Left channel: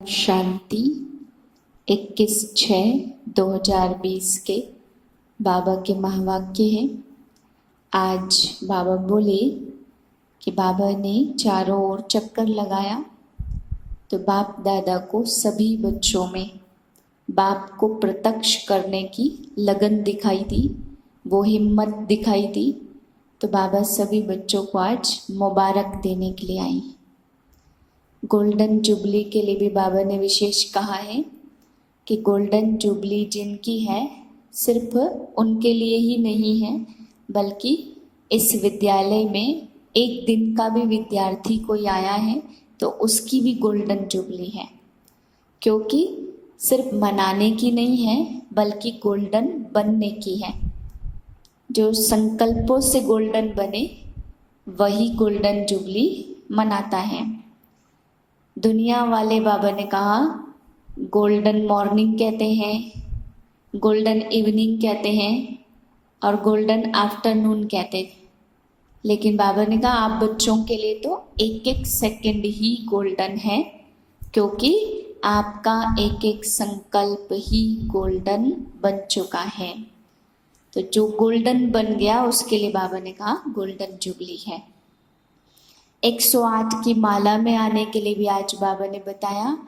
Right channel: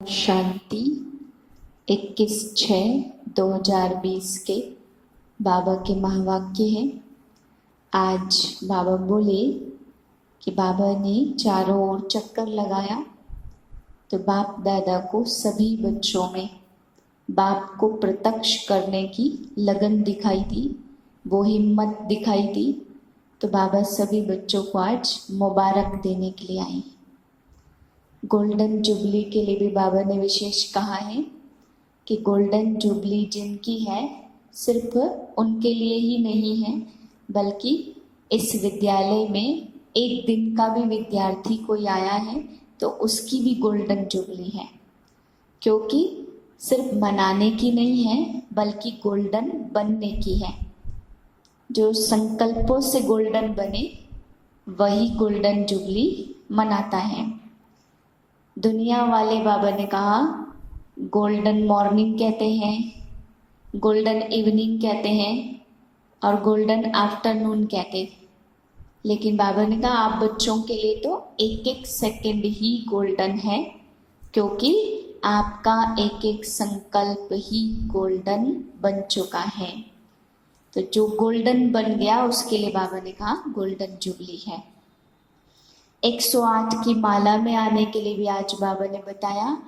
शांति 21/6/2020 के बाबा के महावाक्य हैं। आज बाबा बोले कि बाबा ने चारों ओर चक्कर लगाया तो बाप दादा को सभी बच्चों में बाप को प्रत्यक्ष करने की लगन दिखाई दी, वो हिम्मत दिखाई दी। तो बाबा सभी बच्चों को आज मुबारक देने के लिए आए। गोल्डन जुबली के लिए भी बाबा ने विशेष कहा है कि गोल्डन जुबली जिनकी है सिर्फ उनके लिए ही नहीं है, बल्कि इस विद्यालय में एक दिन का भी विद्यार्थी कोई आया है तो उसकी भी गोल्डन जुबली है, क्योंकि सिर्फ मनाने की नहीं है बल्कि गोल्डन बनने की है। जो संकल्पों से गोल्डन बने वही गोल्डन जुबली मनाता है। दुनिया वाले बाबा ने कहा गोल्डन मॉर्निंग कहते हैं, गोल्डन इवनिंग कहते हैं और गोल्डन आफ्टरनून कहते हैं, लेकिन बाबा ने कहा आप बच्चों के लिए तो एक एक सेकंड ही गोल्डन है, क्योंकि आपका एक एक संकल्प ही गोल्डन बन चुका है। तो जो गोल्डन बन गया उसके लिए बाबा ने कहा गोल्डन जुबली है। 108 की माला में आने के लिए भी आज बाबा ने बताया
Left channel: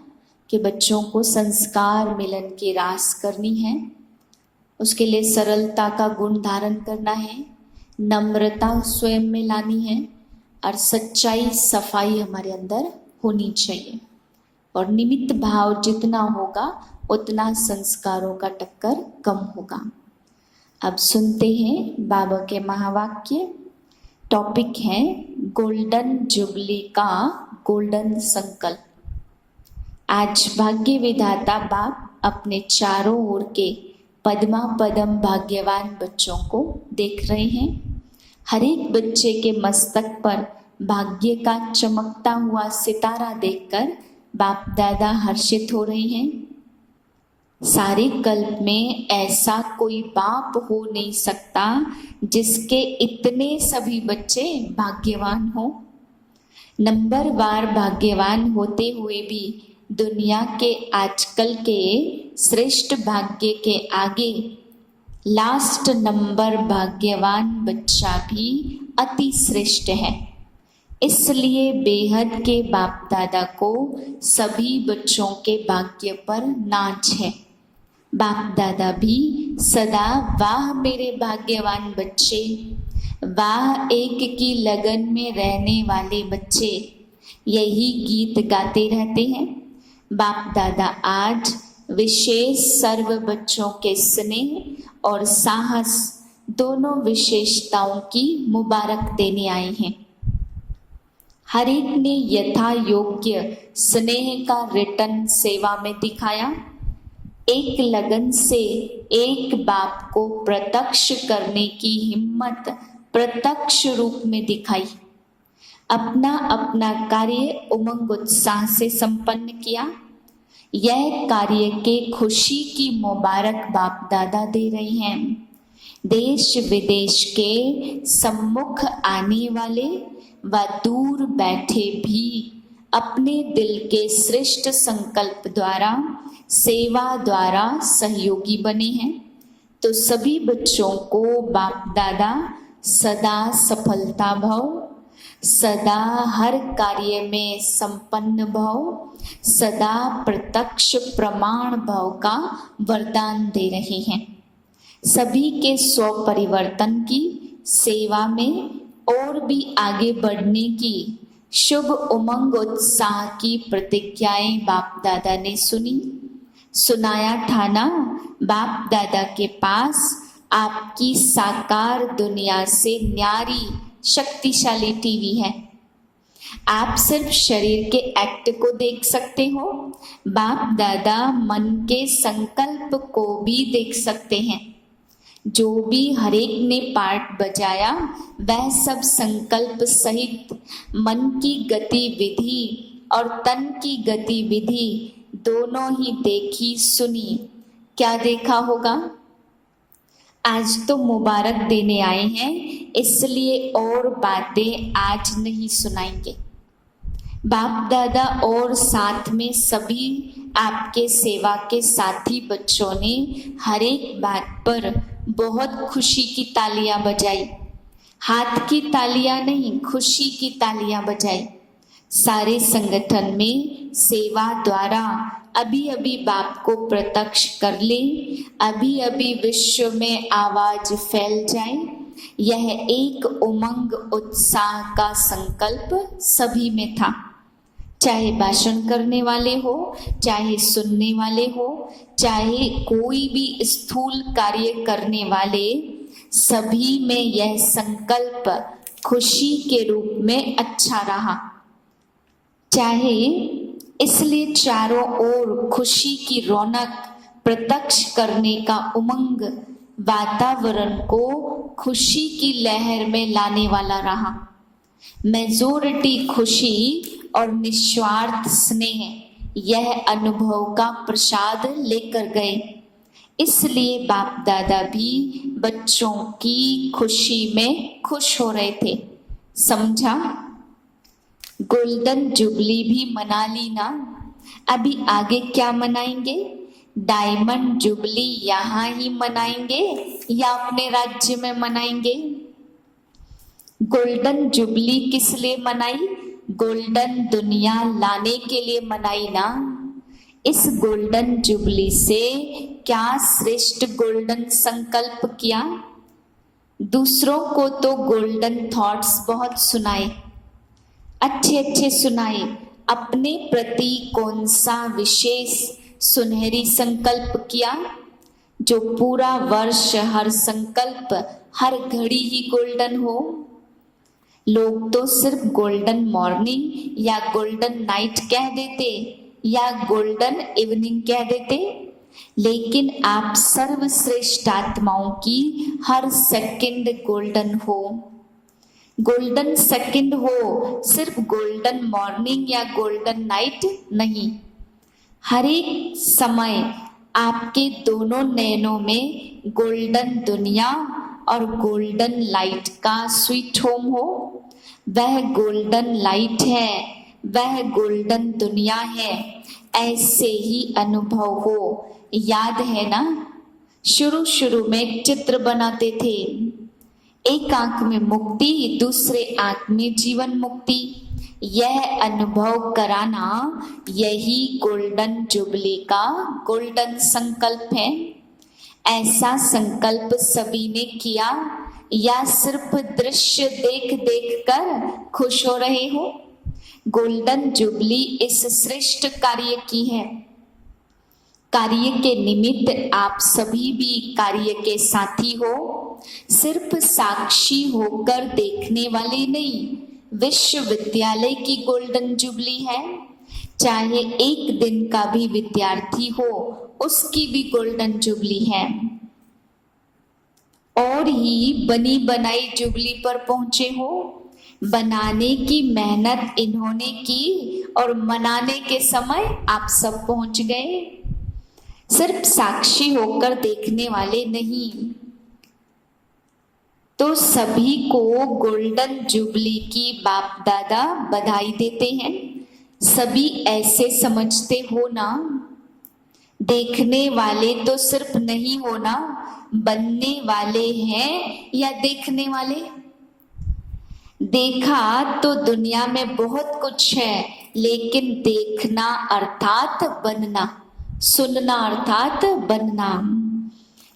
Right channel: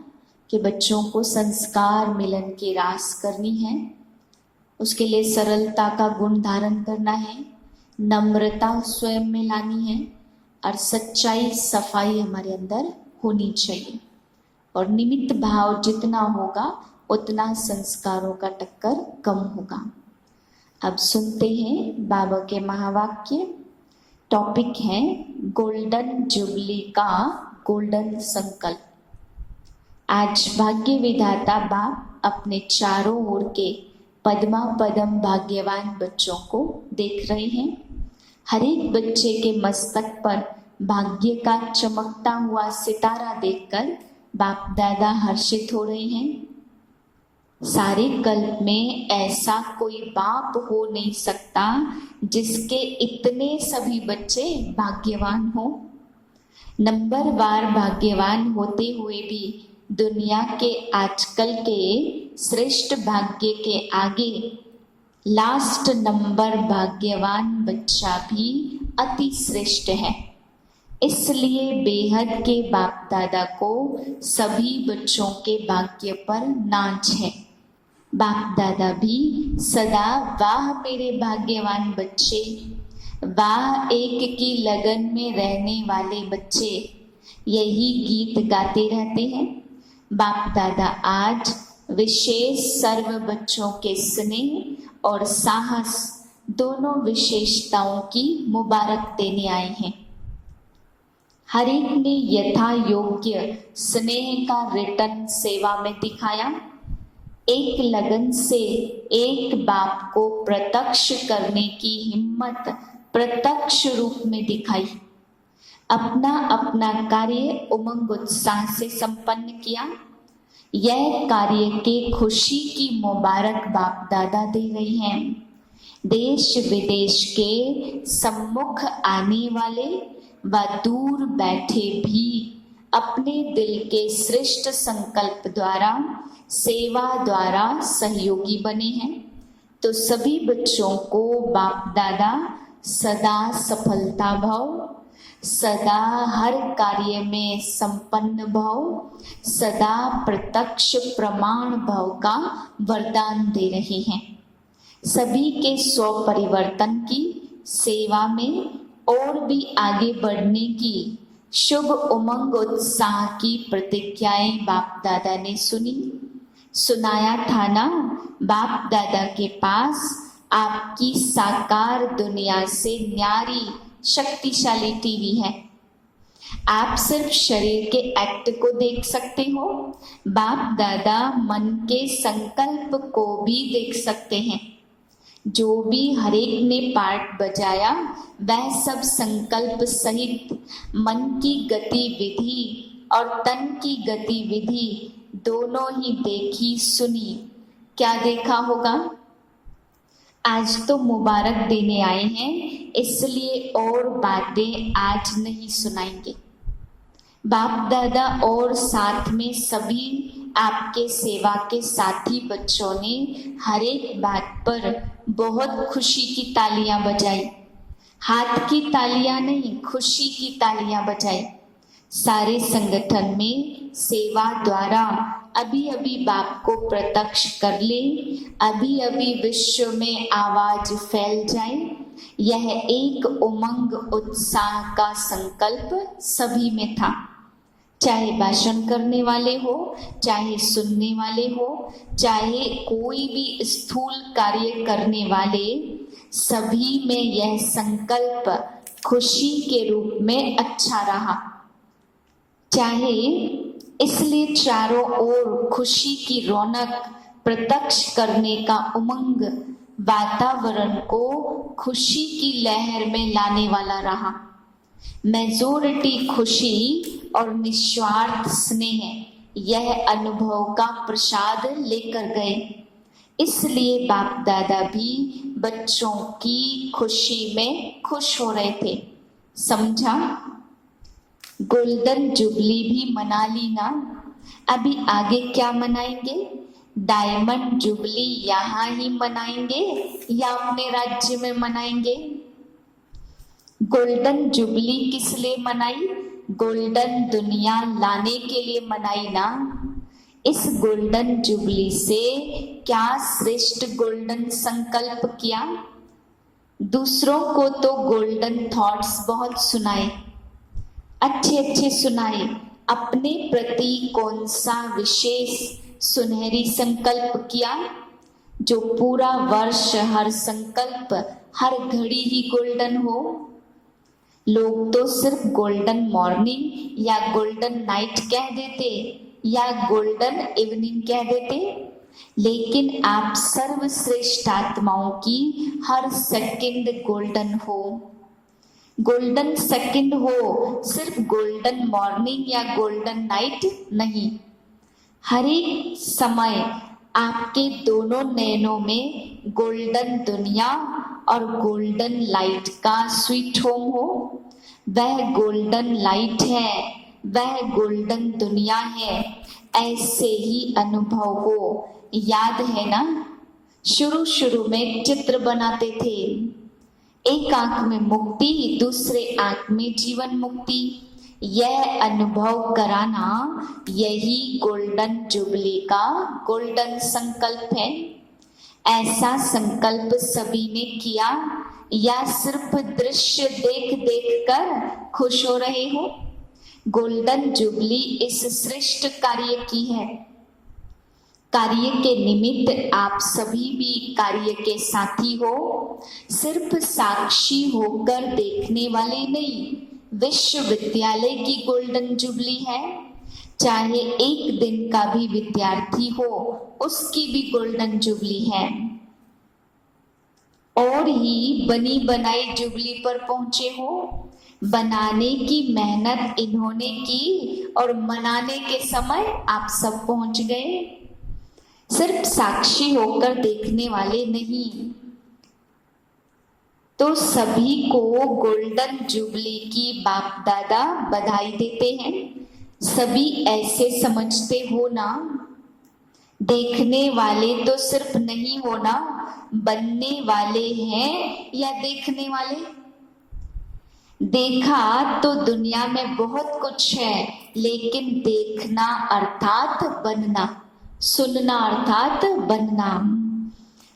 कि बच्चों को संस्कार मिलन की रास करनी है। उसके लिए सरलता का गुण धारण करना है, नम्रता स्वयं में लानी है और सच्चाई सफाई हमारे अंदर होनी चाहिए। और निमित्त भाव जितना होगा उतना संस्कारों का टक्कर कम होगा। अब सुनते हैं बाबा के महावाक्य। टॉपिक है गोल्डन जुबली का गोल्डन संकल्प। आज भाग्य विधाता बाप अपने चारों ओर के पद्मा पदम भाग्यवान बच्चों को देख रहे हैं। हर एक बच्चे के मस्तक पर भाग्य का चमकता हुआ सितारा देखकर बाप दादा हर्षित हो रहे हैं। सारे कल्प में ऐसा कोई बाप हो नहीं सकता जिसके इतने सभी बच्चे भाग्यवान हो। नंबरवार भाग्यवान होते हुए भी दुनिया के आजकल के श्रेष्ठ भाग्य के आगे लास्ट नंबर भाग्यवान बच्चा भी अति श्रेष्ठ है। इसलिए बेहद के बाप दादा को सभी बच्चों के भाग्य पर नाच है। बाप दादा भी सदा वाह मेरे भाग्यवान बच्चे, वाह एक की लगन में रहने वाले बच्चे, यही गीत गाते रहते हैं। बाप दादा आज विशेष सर्व बच्चों के स्नेह और साहस दोनों विशेषताओं की मुबारक देने आए हैं। हर एक ने यथा योग्य स्नेह का रिटर्न सेवा में दिखाया। एक लगन से एक बाप को प्रत्यक्ष करने की हिम्मत प्रत्यक्ष रूप में दिखाई। अपना अपना कार्य उमंग उत्साह से संपन्न किया। यह कार्य के खुशी की मुबारक बाप दादा दे रहे हैं। देश विदेश के सम्मुख आने वाले व दूर बैठे भी अपने दिल के श्रेष्ठ संकल्प द्वारा सेवा द्वारा सहयोगी बने हैं। तो सभी बच्चों को बाप दादा सदा सफलता भाव, सदा हर कार्य में संपन्न भाव, सदा प्रत्यक्ष प्रमाण भाव का वरदान दे रहे हैं। सभी के स्व परिवर्तन की सेवा में और भी आगे बढ़ने की शुभ उमंग उत्साह की प्रतिज्ञाएं बाप दादा ने सुनी। सुनाया ठाना बाप दादा के पास आपकी साकार दुनिया से न्यारी शक्तिशाली टीवी है। आप सिर्फ शरीर के एक्ट को देख सकते हो, बाप दादा मन के संकल्प को भी देख सकते हैं। जो भी हरेक ने पार्ट बजाया वह सब संकल्प सहित मन की गतिविधि और तन की गतिविधि दोनों ही देखी सुनी। क्या देखा होगा? आज तो मुबारक देने आए हैं, इसलिए और बातें आज नहीं सुनाएंगे। बाप दादा और साथ में सभी आपके सेवा के साथी बच्चों ने हर एक बात पर बहुत खुशी की तालियां बजाई। हाथ की तालियां नहीं, खुशी की तालियां बजाई। सारे संगठन में सेवा द्वारा अभी अभी बाप को प्रत्यक्ष कर ले, अभी अभी विश्व में आवाज फैल जाए। यह एक उमंग उत्साह का संकल्प सभी में था, चाहे भाषण करने वाले हो, चाहे सुनने वाले हो, चाहे कोई भी स्थूल कार्य करने वाले, सभी में यह संकल्प खुशी के रूप में अच्छा रहा। चाहे इसलिए चारों ओर खुशी की रौनक प्रत्यक्ष करने का उमंग वातावरण को खुशी की लहर में लाने वाला रहा। मेजोरिटी खुशी और निस्वार्थ स्नेह यह अनुभव का प्रसाद लेकर गए। इसलिए बाप दादा भी बच्चों की खुशी में खुश हो रहे थे। समझा? गोल्डन जुबली भी मना ली ना, अभी आगे क्या मनाएंगे? डायमंड जुबली यहाँ ही मनाएंगे या अपने राज्य में मनाएंगे? गोल्डन जुबली किस लिए मनाई? गोल्डन दुनिया लाने के लिए मनाई ना। इस गोल्डन जुबली से क्या श्रेष्ठ गोल्डन संकल्प किया? दूसरों को तो गोल्डन थॉट्स बहुत सुनाए, अच्छे अच्छे सुनाए। अपने प्रति कौन सा विशेष सुनहरी संकल्प किया? जो पूरा वर्ष हर संकल्प हर घड़ी ही गोल्डन हो। लोग तो सिर्फ गोल्डन मॉर्निंग या गोल्डन नाइट कह देते या गोल्डन इवनिंग कह देते, लेकिन आप सर्वश्रेष्ठ आत्माओं की हर सेकंड गोल्डन हो। गोल्डन सेकंड हो, सिर्फ गोल्डन मॉर्निंग या गोल्डन नाइट नहीं। हर एक समय आपके दोनों नैनों में गोल्डन दुनिया और गोल्डन लाइट का स्वीट होम हो। वह गोल्डन लाइट है, वह गोल्डन दुनिया है। ऐसे ही अनुभव हो। याद है ना, शुरू शुरू में चित्र बनाते थे, एक आंख में मुक्ति, दूसरे आंख में जीवन मुक्ति। यह अनुभव कराना यही गोल्डन जुबली का गोल्डन संकल्प है। ऐसा संकल्प सभी ने किया या सिर्फ दृश्य देख देख कर खुश हो रहे हो? गोल्डन जुबली इस श्रेष्ठ कार्य की है। कार्य के निमित्त आप सभी भी कार्य के साथी हो। सिर्फ साक्षी होकर देखने वाले नहीं, विश्वविद्यालय की गोल्डन जुबली है। चाहे एक दिन का भी विद्यार्थी हो, उसकी भी गोल्डन जुबली है। और ही बनी बनाई जुबली पर पहुंचे हो। बनाने की मेहनत इन्होंने की और मनाने के समय आप सब पहुंच गए। सिर्फ साक्षी होकर देखने वाले नहीं। तो सभी को गोल्डन जुबली की बाप दादा बधाई देते हैं। सभी ऐसे समझते हो ना, देखने वाले तो सिर्फ नहीं होना, बनने वाले हैं या देखने वाले? देखा तो दुनिया में बहुत कुछ है, लेकिन देखना अर्थात बनना, सुनना अर्थात बनना।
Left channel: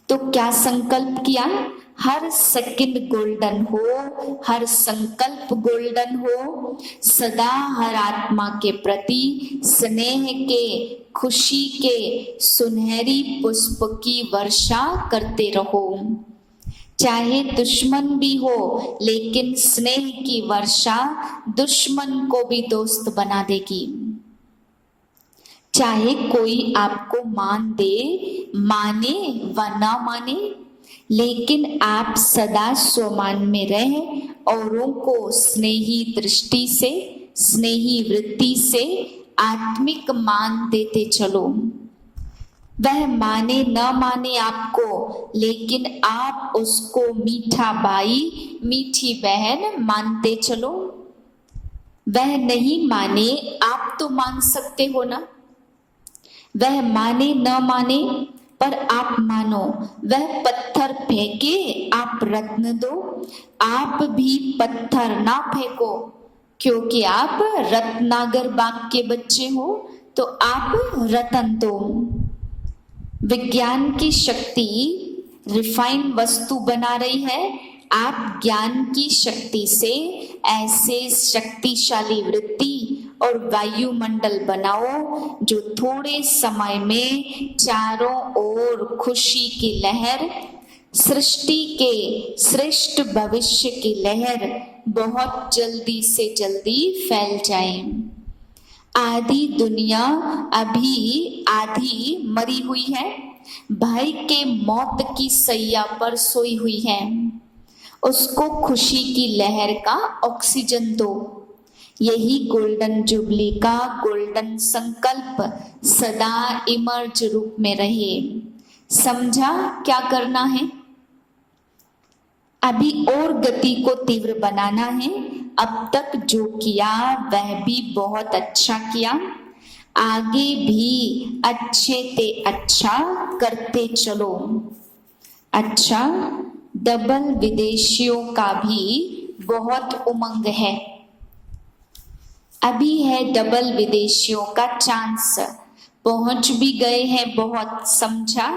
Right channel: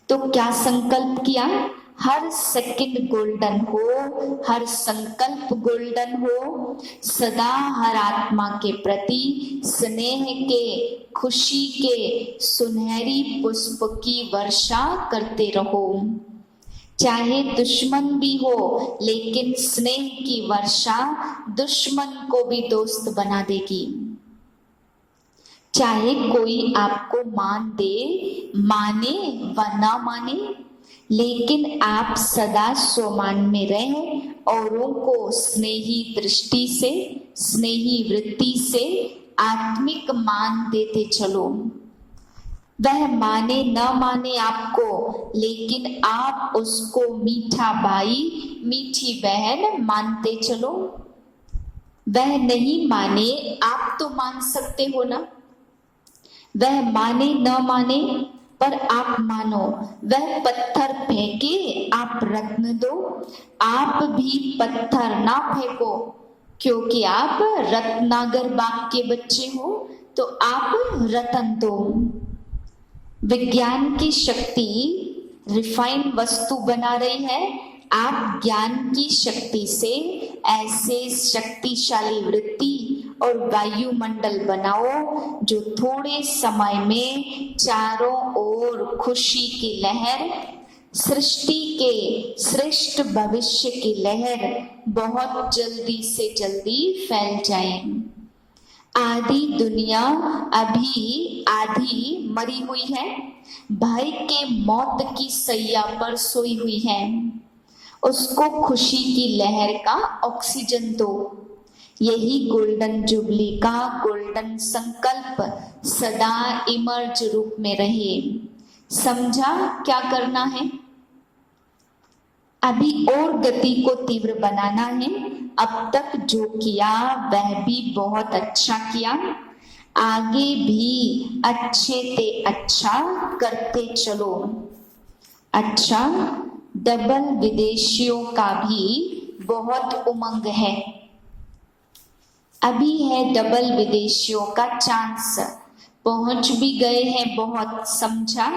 तो क्या संकल्प किया? हर सेकंड गोल्डन हो, हर संकल्प गोल्डन हो। सदा हर आत्मा के प्रति स्नेह के, खुशी के सुनहरी पुष्प की वर्षा करते रहो। चाहे दुश्मन भी हो, लेकिन स्नेह की वर्षा दुश्मन को भी दोस्त बना देगी। चाहे कोई आपको मान दे, माने व ना माने, लेकिन आप सदा स्वमान में रह औरों को स्नेही दृष्टि से, स्नेही वृत्ति से आत्मिक मान देते चलो। वह माने न माने आपको, लेकिन आप उसको मीठा भाई, मीठी बहन मानते चलो। वह नहीं माने आप तो मान सकते हो ना, वह माने न माने पर आप मानो, वह पत्थर फेंके आप रत्न दो, आप भी पत्थर ना फेंको, क्योंकि आप रत्नागर बाप के बच्चे हो तो आप रतन दो। विज्ञान की शक्ति रिफाइन वस्तु बना रही है, आप ज्ञान की शक्ति से ऐसे शक्तिशाली वृत्ति और वायुमंडल बनाओ जो थोड़े समय में चारों ओर खुशी की लहर, सृष्टि के श्रेष्ठ भविष्य की लहर बहुत जल्दी से जल्दी फैल जाए। आधी दुनिया अभी आधी मरी हुई है, भय के मौत की सैया पर सोई हुई है, उसको खुशी की लहर का ऑक्सीजन दो। यही गोल्डन जुबली का गोल्डन संकल्प सदा इमर्ज रूप में रहे। समझा क्या करना है? अभी और गति को तीव्र बनाना है। अब तक जो किया वह भी बहुत अच्छा किया, आगे भी अच्छे ते अच्छा करते चलो। अच्छा, डबल विदेशियों का भी बहुत उमंग है, अभी है डबल विदेशियों का चांस, पहुंच भी गए हैं बहुत। समझा?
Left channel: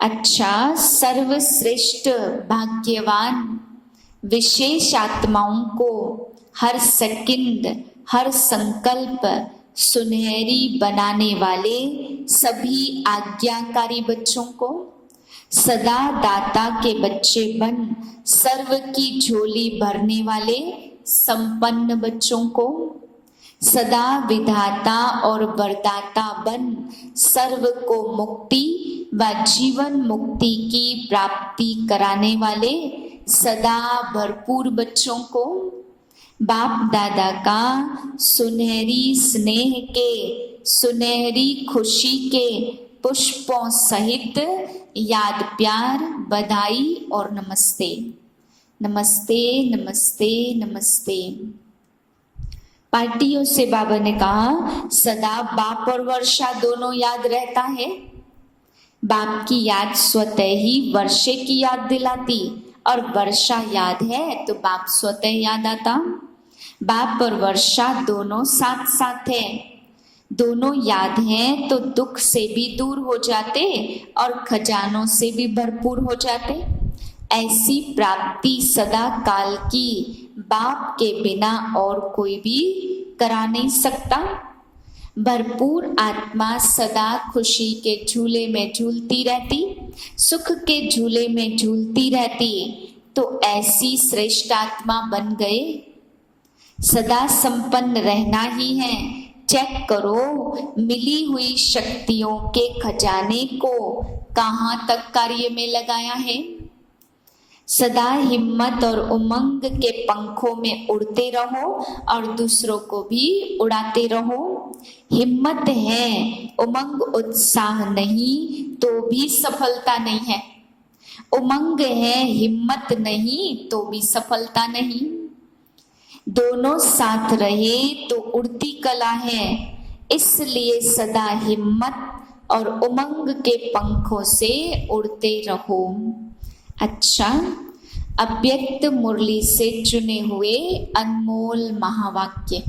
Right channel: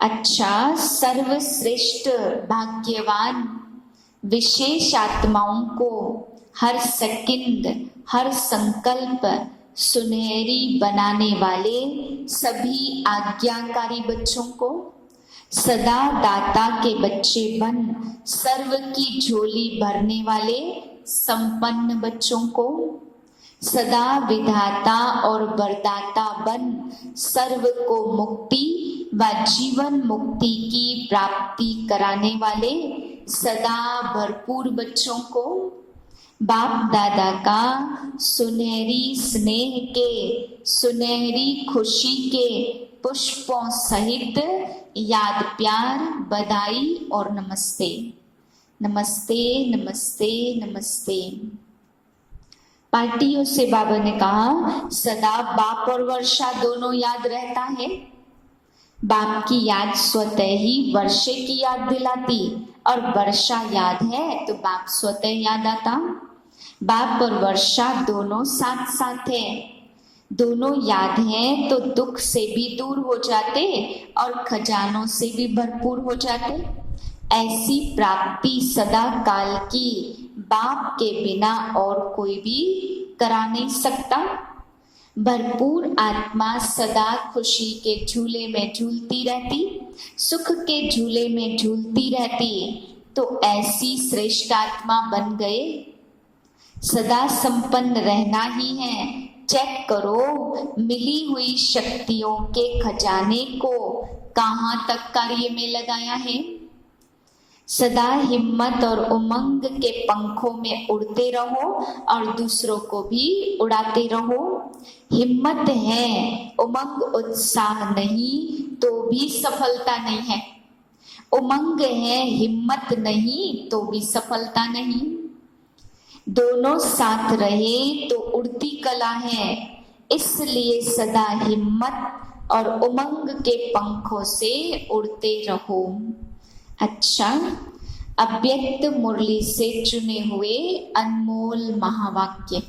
अच्छा, सर्वश्रेष्ठ भाग्यवान विशेष आत्माओं को हर सेकंड हर संकल्प सुनहरी बनाने वाले सभी आज्ञाकारी बच्चों को, सदा दाता के बच्चे बन सर्व की झोली भरने वाले संपन्न बच्चों को, सदा विधाता और वरदाता बन सर्व को मुक्ति व जीवन मुक्ति की प्राप्ति कराने वाले सदा भरपूर बच्चों को, बाप दादा का सुनहरी स्नेह के सुनहरी खुशी के पुष्पों सहित याद, प्यार, बधाई और नमस्ते। नमस्ते नमस्ते नमस्ते। पार्टियों से बाबा ने कहा सदा बाप और वर्षा दोनों याद रहता है। बाप की याद स्वतः ही वर्षे की याद दिलाती और वर्षा याद है तो बाप स्वतः याद आता। बाप और वर्षा दोनों साथ साथ है, दोनों याद हैं तो दुख से भी दूर हो जाते और खजानों से भी भरपूर हो जाते। ऐसी प्राप्ति सदा काल की बाप के बिना और कोई भी करा नहीं सकता। भरपूर आत्मा सदा खुशी के झूले में झूलती रहती, सुख के झूले में झूलती रहती, तो ऐसी श्रेष्ठ आत्मा बन गए। सदा संपन्न रहना ही है। चेक करो मिली हुई शक्तियों के खजाने को कहाँ तक कार्य में लगाया है। सदा हिम्मत और उमंग के पंखों में उड़ते रहो और दूसरों को भी उड़ाते रहो। हिम्मत है, उमंग उत्साह नहीं तो भी सफलता नहीं है। उमंग है, हिम्मत नहीं तो भी सफलता नहीं। दोनों साथ रहे तो उड़ती कला है, इसलिए सदा हिम्मत और उमंग के पंखों से उड़ते रहो। अच्छा, अव्यक्त मुरली से चुने हुए अनमोल महावाक्य।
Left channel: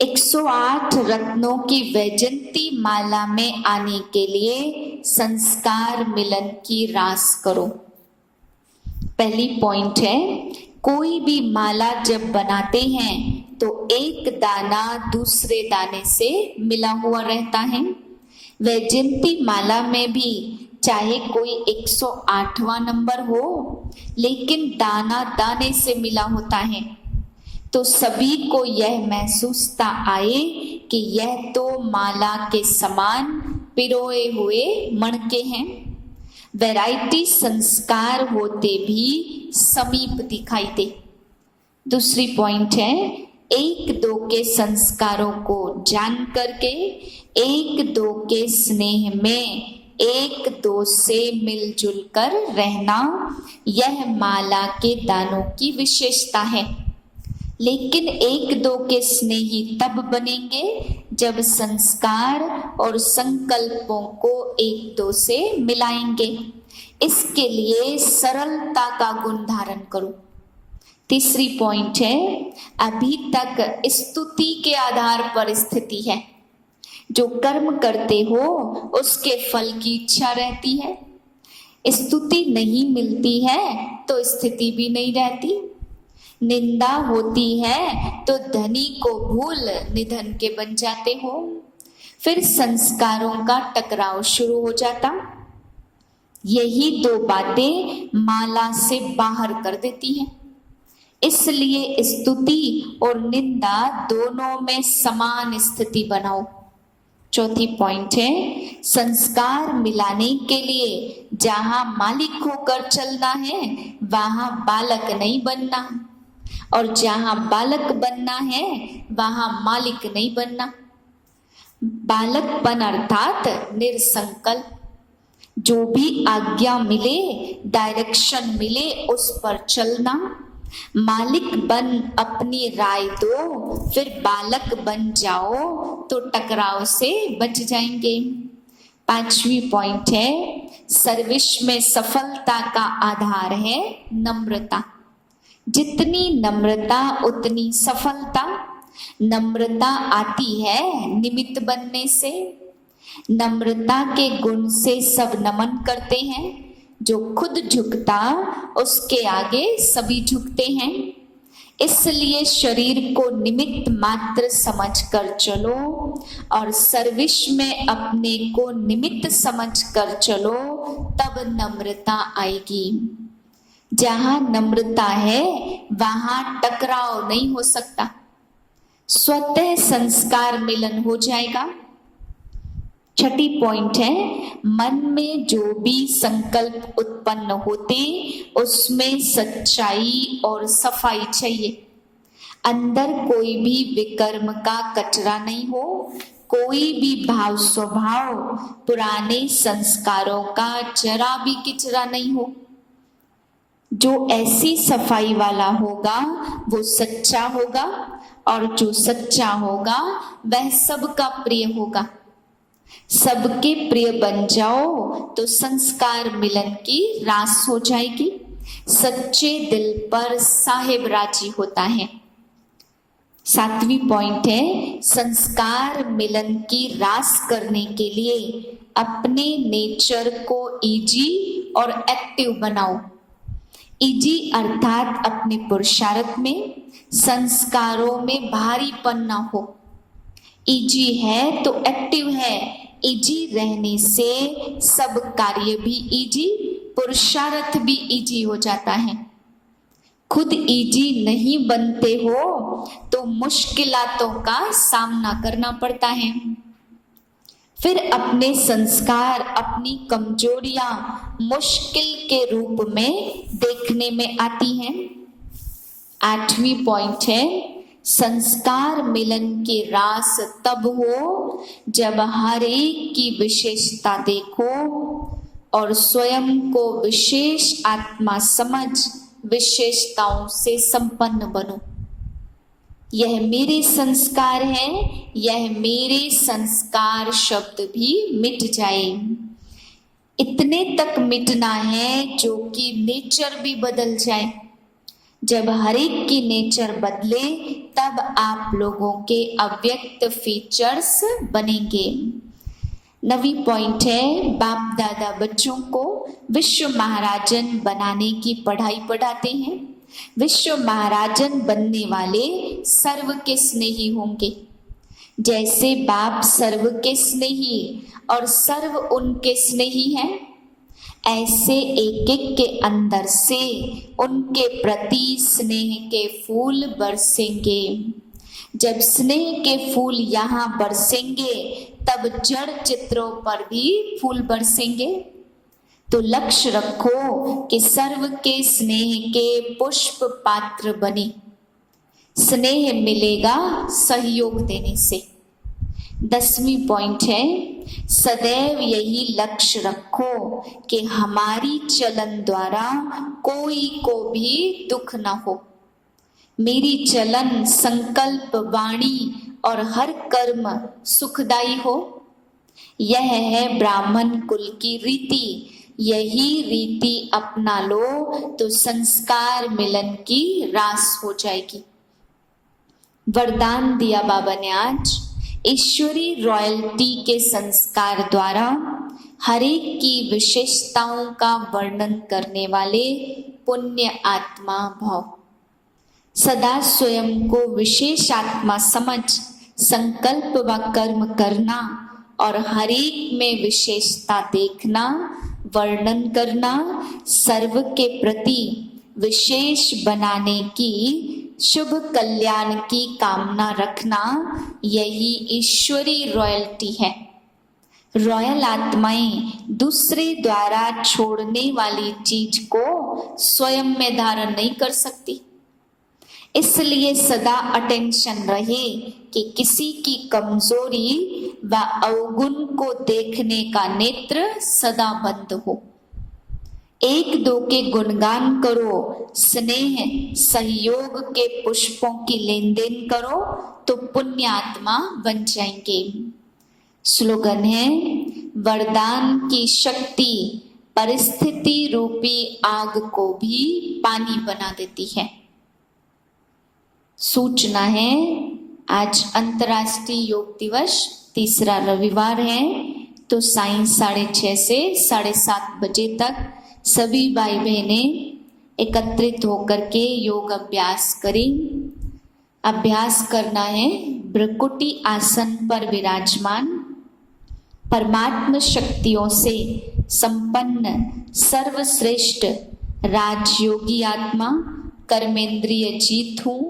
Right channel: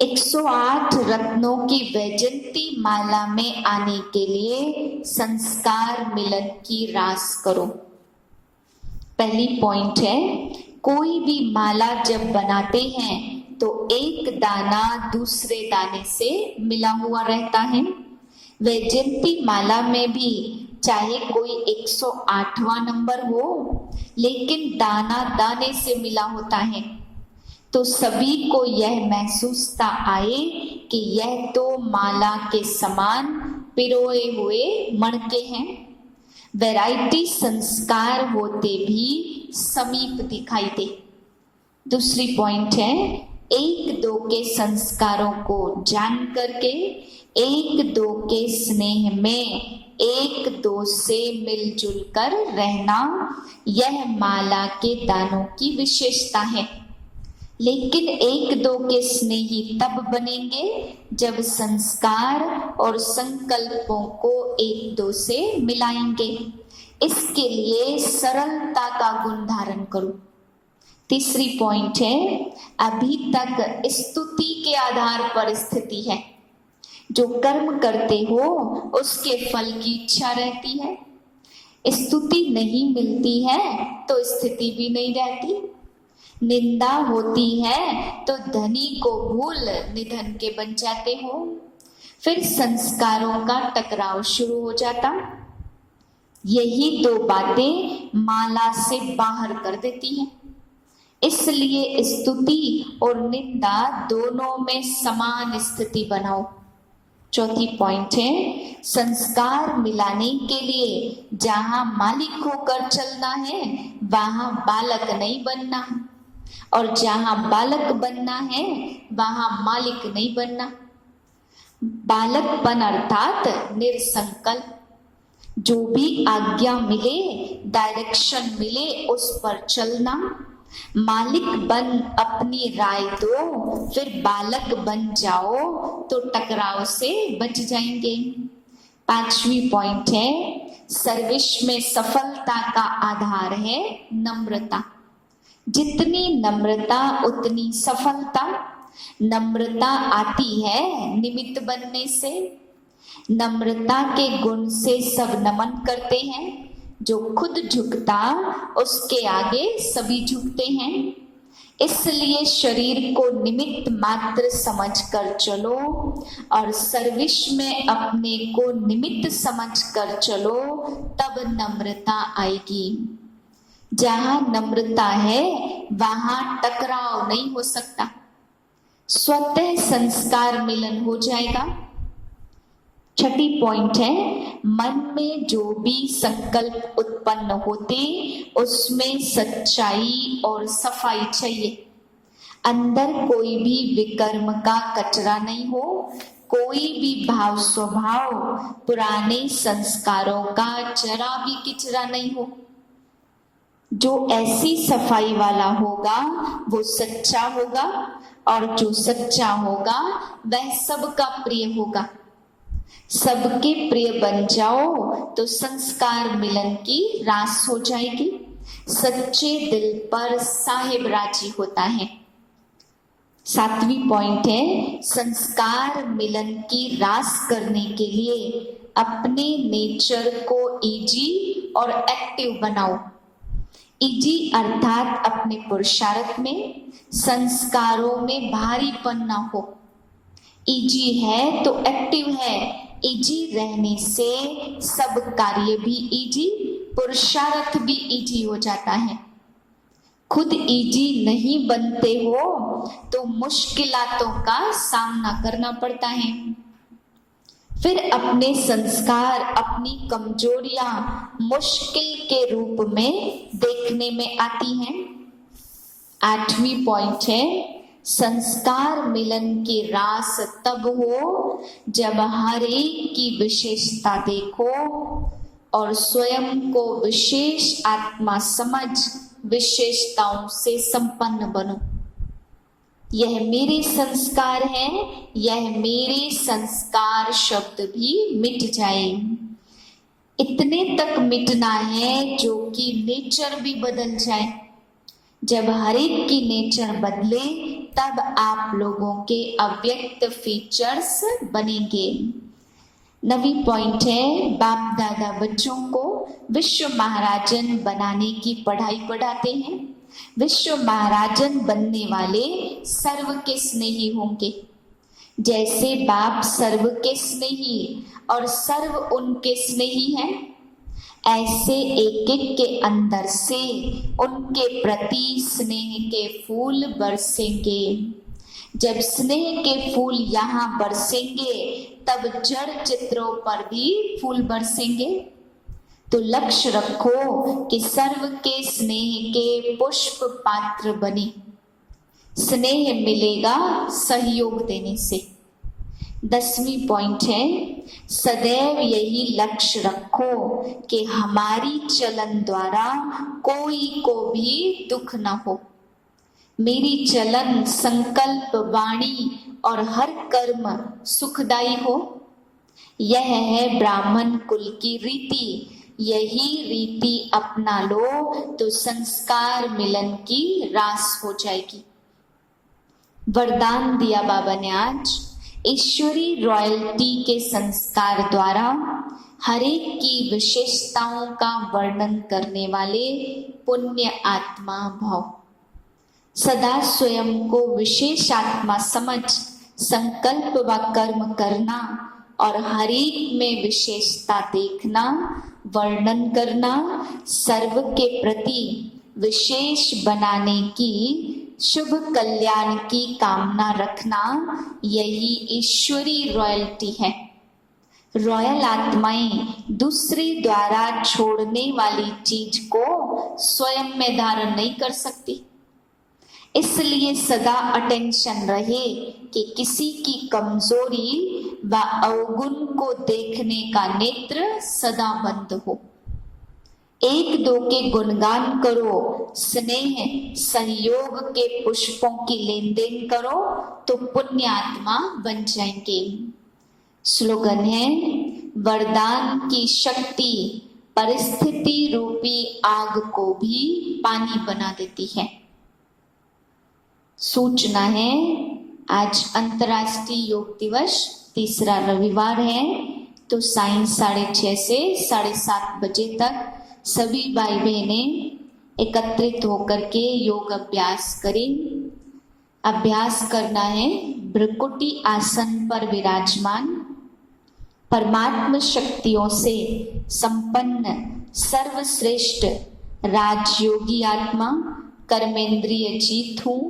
108 रत्नों की वैजंती माला में आने के लिए संस्कार मिलन की रास करो। पहली पॉइंट है, कोई भी माला जब बनाते हैं तो एक दाना दूसरे दाने से मिला हुआ रहता है। वैजंती माला में भी चाहे कोई 108वां नंबर हो, लेकिन दाना दाने से मिला होता है, तो सभी को यह महसूसता आए कि यह तो माला के समान पिरोए हुए मणके हैं। वैरायटी संस्कार होते भी समीप दिखाई दे। दूसरी पॉइंट है, एक दो के संस्कारों को जान करके एक दो के स्नेह में एक दो से मिलजुल कर रहना, यह माला के दानों की विशेषता है। लेकिन एक दो के स्नेही तब बनेंगे जब संस्कार और संकल्पों को एक दो से मिलाएंगे। इसके लिए सरलता का गुण धारण करो। तीसरी पॉइंट है, अभी तक स्तुति के आधार पर स्थिति है। जो कर्म करते हो उसके फल की इच्छा रहती है। स्तुति नहीं मिलती है तो स्थिति भी नहीं रहती। निंदा होती है तो धनी को भूल निधन के बन जाते हो। फिर संस्कारों का टकराव शुरू हो जाता। यही दो बातें माला से बाहर कर देती हैं। इसलिए स्तुति और निंदा दोनों में समान स्थिति बनाओ। चौथी पॉइंट है, संस्कार मिलाने के लिए जहां मालिक होकर चलना है वहां बालक नहीं बनना, और जहां बालक बनना है वहां मालिक नहीं बनना। बालकपन अर्थात निरसंकल्प, जो भी आज्ञा मिले, डायरेक्शन मिले, उस पर चलना। मालिक बन अपनी राय दो, फिर बालक बन जाओ तो टकराव से बच जाएंगे। पांचवी पॉइंट है, सर्विस में सफलता का आधार है नम्रता। जितनी नम्रता उतनी सफलता। नम्रता आती है निमित्त बनने से। नम्रता के गुण से सब नमन करते हैं। जो खुद झुकता उसके आगे सभी झुकते हैं। इसलिए शरीर को निमित्त मात्र समझकर चलो और सर्विस में अपने को निमित्त समझकर चलो, तब नम्रता आएगी। जहां नम्रता है वहां टकराव नहीं हो सकता, स्वतः संस्कार मिलन हो जाएगा। छठी पॉइंट है, मन में जो भी संकल्प उत्पन्न होते उसमें सच्चाई और सफाई चाहिए। अंदर कोई भी विकर्म का कचरा नहीं हो, कोई भी भाव स्वभाव पुराने संस्कारों का जरा भी किचरा नहीं हो। जो ऐसी सफाई वाला होगा वो सच्चा होगा, और जो सच्चा होगा वह सबका प्रिय होगा। सबके प्रिय बन जाओ तो संस्कार मिलन की रास हो जाएगी। सच्चे दिल पर साहिब राजी होता है। सातवीं पॉइंट है, संस्कार मिलन की रास करने के लिए अपने नेचर को इजी और एक्टिव बनाओ। इजी अर्थात अपने पुरुषार्थ में, संस्कारों में भारीपन ना हो। इजी है तो एक्टिव है। इजी रहने से सब कार्य भी इजी, पुरुषार्थ भी इजी हो जाता है। खुद इजी नहीं बनते हो तो मुश्किलातों का सामना करना पड़ता है। फिर अपने संस्कार, अपनी कमजोरियां मुश्किल के रूप में देखने में आती हैं। आठवीं पॉइंट है, संस्कार मिलन की रास तब हो जब हर एक की विशेषता देखो और स्वयं को विशेष आत्मा समझ विशेषताओं से संपन्न बनो। यह मेरे संस्कार है, यह मेरे संस्कार शब्द भी मिट जाए। इतने तक मिटना है जो कि नेचर भी बदल जाए। जब हर एक की नेचर बदले तब आप लोगों के अव्यक्त फीचर्स बनेंगे। नवी पॉइंट है, बाप दादा बच्चों को विश्व महाराजन बनाने की पढ़ाई पढ़ाते हैं। विश्व महाराजन बनने वाले सर्व के स्नेही होंगे। जैसे बाप सर्व के स्नेही और सर्व उनके स्नेही हैं, ऐसे एक एक के अंदर से उनके प्रति स्नेह के फूल बरसेंगे। जब स्नेह के फूल यहाँ बरसेंगे तब जड़ चित्रों पर भी फूल बरसेंगे। तो लक्ष्य रखो कि सर्व के स्नेह के पुष्प पात्र बने। स्नेह मिलेगा सहयोग देने से। 10वीं पॉइंट है, सदैव यही लक्ष्य रखो कि हमारी चलन द्वारा कोई को भी दुख न हो। मेरी चलन, संकल्प, वाणी और हर कर्म सुखदायी हो। यह है ब्राह्मण कुल की रीति। यही रीति अपना लो तो संस्कार मिलन की रास हो जाएगी। वरदान दिया बाबा ने आज। ईश्वरी रॉयल्टी के संस्कार द्वारा हर एक की विशेषताओं का वर्णन करने वाले पुण्य आत्मा भव। सदा स्वयं को विशेष आत्मा समझ संकल्प व कर्म करना और हर एक में विशेषता देखना, वर्णन करना, सर्व के प्रति विशेष बनाने की, शुभ कल्याण की कामना रखना, यही ईश्वरी रॉयल्टी है। रॉयल आत्माएं दूसरे द्वारा छोड़ने वाली चीज को स्वयं में धारण नहीं कर सकती। इसलिए सदा अटेंशन रहे कि किसी की कमजोरी व अवगुण को देखने का नेत्र सदा बंद हो। एक दो के गुणगान करो, स्नेह सहयोग के पुष्पों की लेन देन करो तो पुण्य आत्मा बन जाएंगे। स्लोगन है, वरदान की शक्ति परिस्थिति रूपी आग को भी पानी बना देती है। सूचना है, आज अंतर्राष्ट्रीय योग दिवस, तीसरा रविवार है, तो सायं 6:30 से 7:30 बजे तक सभी भाई बहनें एकत्रित होकर के योग अभ्यास करें। अभ्यास करना है भ्रकुटी आसन पर विराजमान, परमात्म शक्तियों से संपन्न सर्वश्रेष्ठ राजयोगी आत्मा, कर्मेंद्रिय जीत हूँ,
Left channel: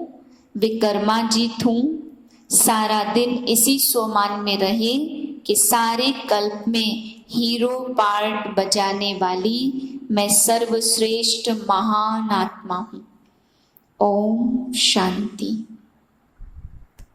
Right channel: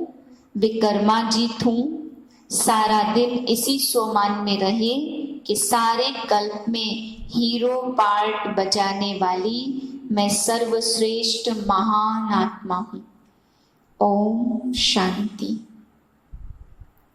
विकर्माजीत हूँ। सारा दिन इसी सोमान में रहे कि सारे कल्प में हीरो पार्ट बजाने वाली मैं सर्वश्रेष्ठ महान आत्मा हूँ। ओम शांति।